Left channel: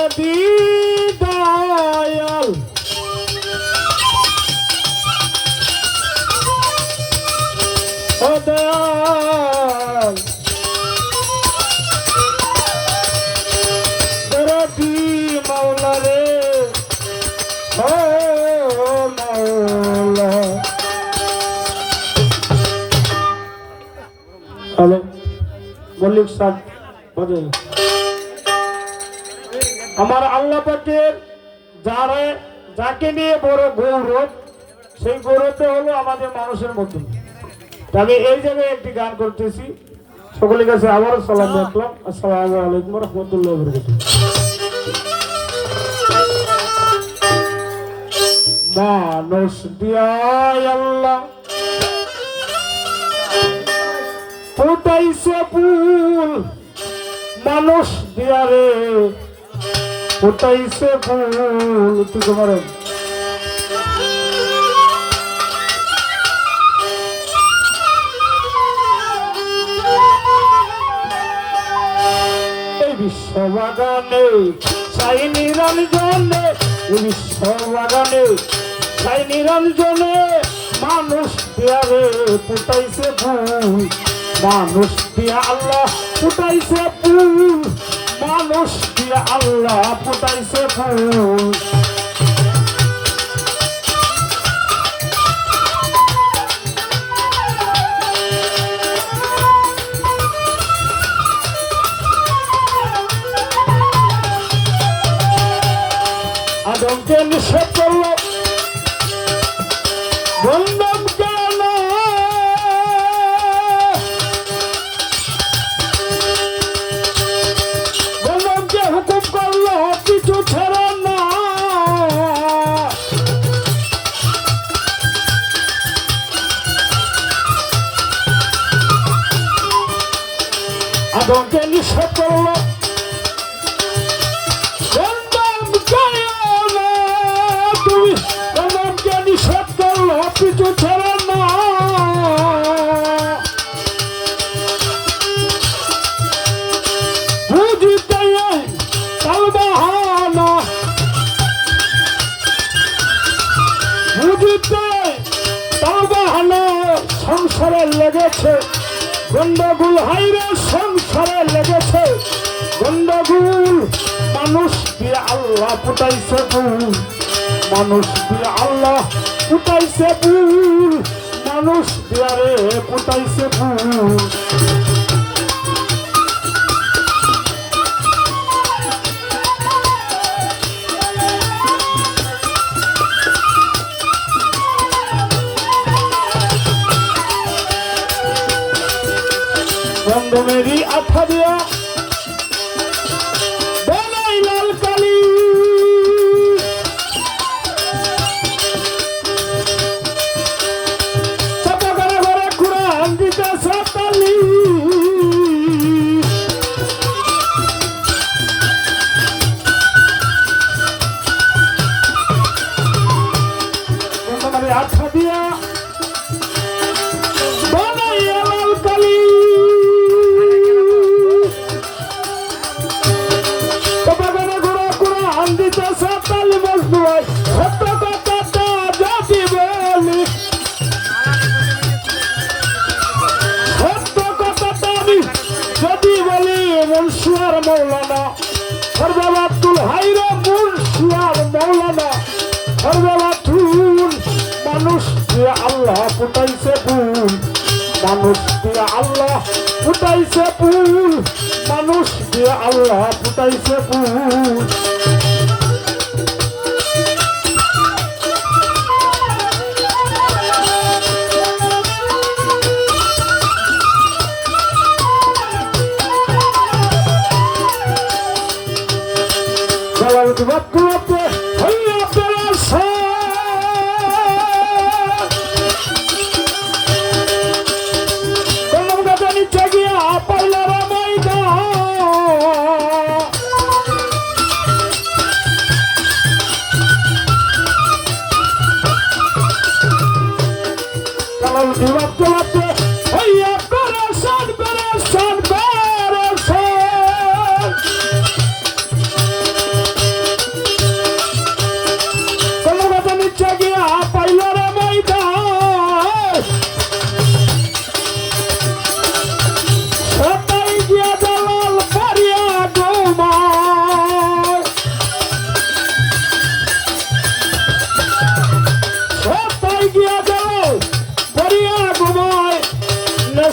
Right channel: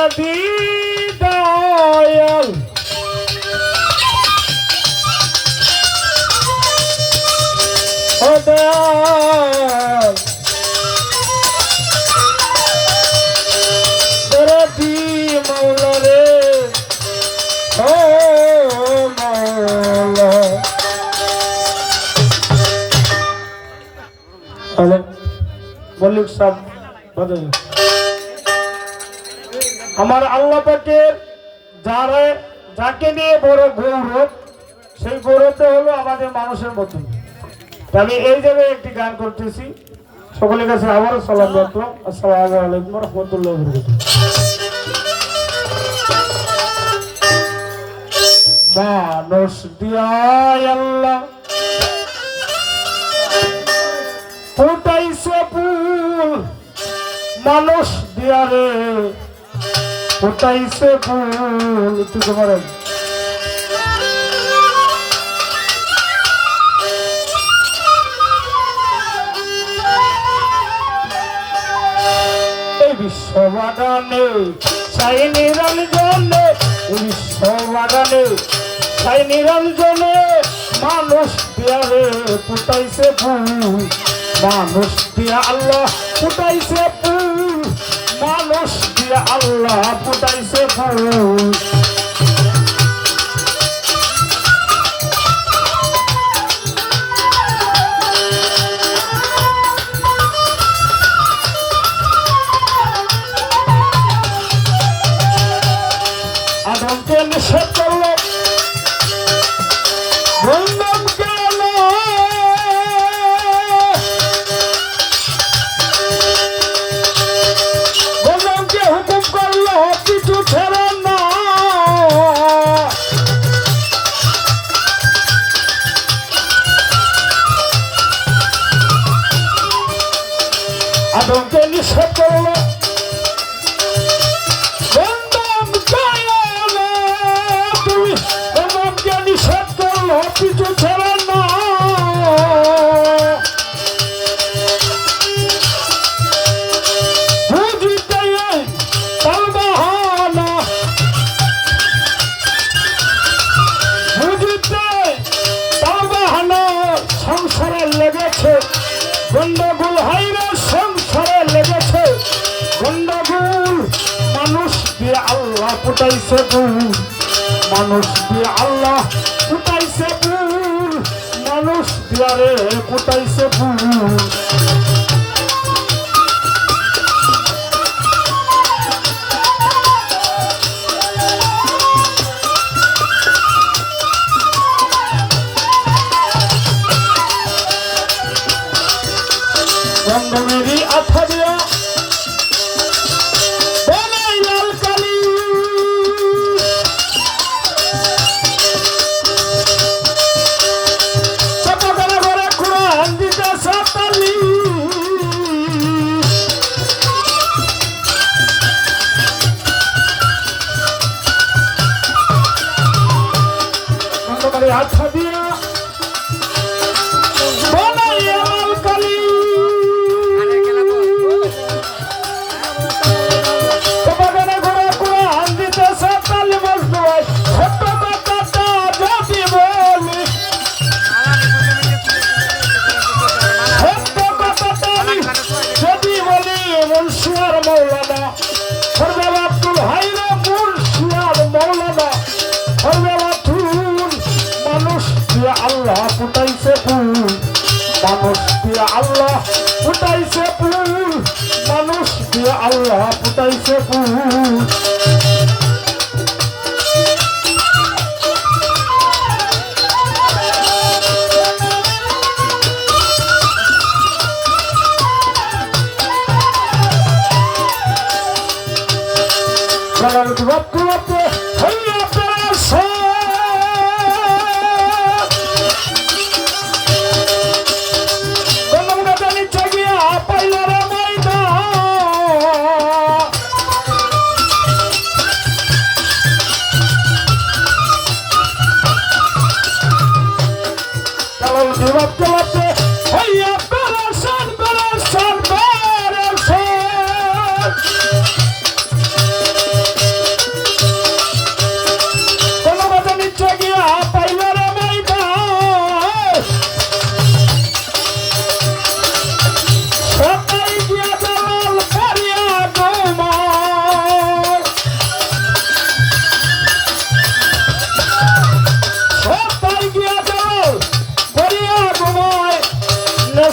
দরদি দয়াল ও দয়াল দরদি মাওলা রে ও মাওলা হ্যালো মল্লিক সাহেব বলেন আমার আল্লাহ পাকের যাকে নিয়ে বড় গৌরব সেই গৌরবটা হলো আমাদের মানুষের মধ্যে। আমি এই জায়গায় একটি গান করতেছি, সকলের কাছে আবারও সালাম রাখলাম। আসসালামু আলাইকুম ওয়া রাহমাতুল্লাহি ওয়া বারাকাতুহু। মানুষ দিয়ায় আল্লাহ ফুটাইছে ফুল, মানুষ দিয়া রে ফুটাইছে ফুল। তুই তোমার এই বিশ্ববাগানে সাই নিরঞ্জনে, বিশ্ববাগানে সাই নিরঞ্জনে মানুষ দিয়া রে ফুটাইছে ফুল, মানুষ দিয়া আল্লাহ ফুটাইছে ফুল, মানুষ দিয়া আল্লাহ ফুটাইছে ফুল। আদমকে নিষেধ করলো, বললাম কেন বললামকে হুকুম করলো কিছু ছেড়ে না। আদমকে নিষেধ করলো, নিষেধ করলো কিছু ছেড়ে না। বুঝিতে তার বাহানা, বুঝিতে তার বাহানা সংসারে লেগেছে গন্ডগোল, হাইরে সংসারে লেগেছে গন্ডগোল। মানুষ দিয়ে আল্লাহ ফুটাইছে ফুল, মানুষ দিয়ে আল্লাহ ফুটাইছে ফুল, মানুষ দিয়া রে ফুটাইছে ফুল। বন্ধমেরই আঠা দিয়া আঠা দিয়া বানাইয়া লাল কালি, বাগানে ঘোড়া ঘোড়া আন্দিতে সাতালি মজদুয়াই ছোট্ট কথাটা যদি বলি, ছোট্ট কথাটা আমি যদি বলি মুন্সিয়ার মৌলানা সরদার আব্দুল হাইরা, মুন্সিয়ার মৌলানা সরদার মানুষ দিয়ে আল্লাহ ফুটাইছে ফুল, মানুষ দিয়ে আল্লাহ ফুটাইছে ফুল, মানুষ দিয়ে আল্লাহ ফুটাইছে ফুল।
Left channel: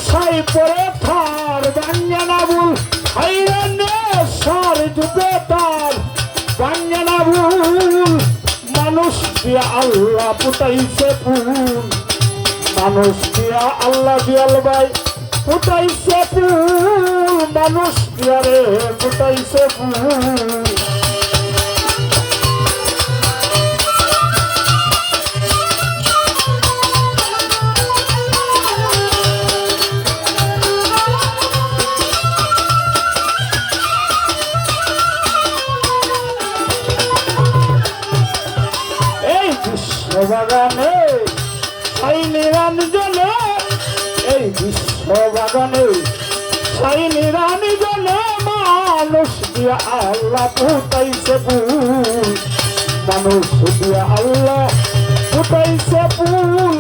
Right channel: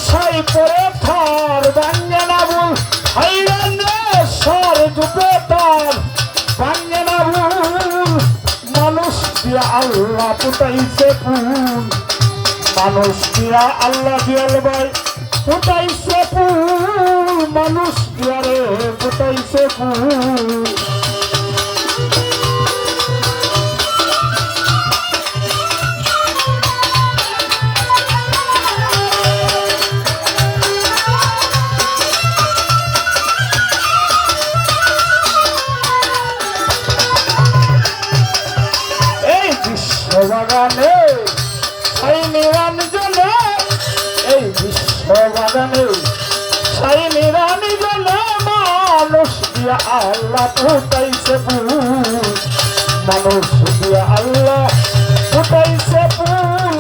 সাই পরে থার বাঙ্গনা বুল হাইরানে সার দুপে তার বাঙ্গনা বুল মানুষ দিয়া আল্লাহ পুটাইছে ফুল মানুষ দিয়া আল্লাহ দিয়াল ভাই পুটাইছে ফুল মানুষ দিয়া রে পুটাইছে ফুল বাগানে সাই নিরঞ্জনে এই বিশ্ব বাগানে সাই নিরঞ্জনে মানুষ দিয়া আল্লাহ পুটাইছে ফুল মানুষ দিয়া আল্লাহ পুটাইছে ফুল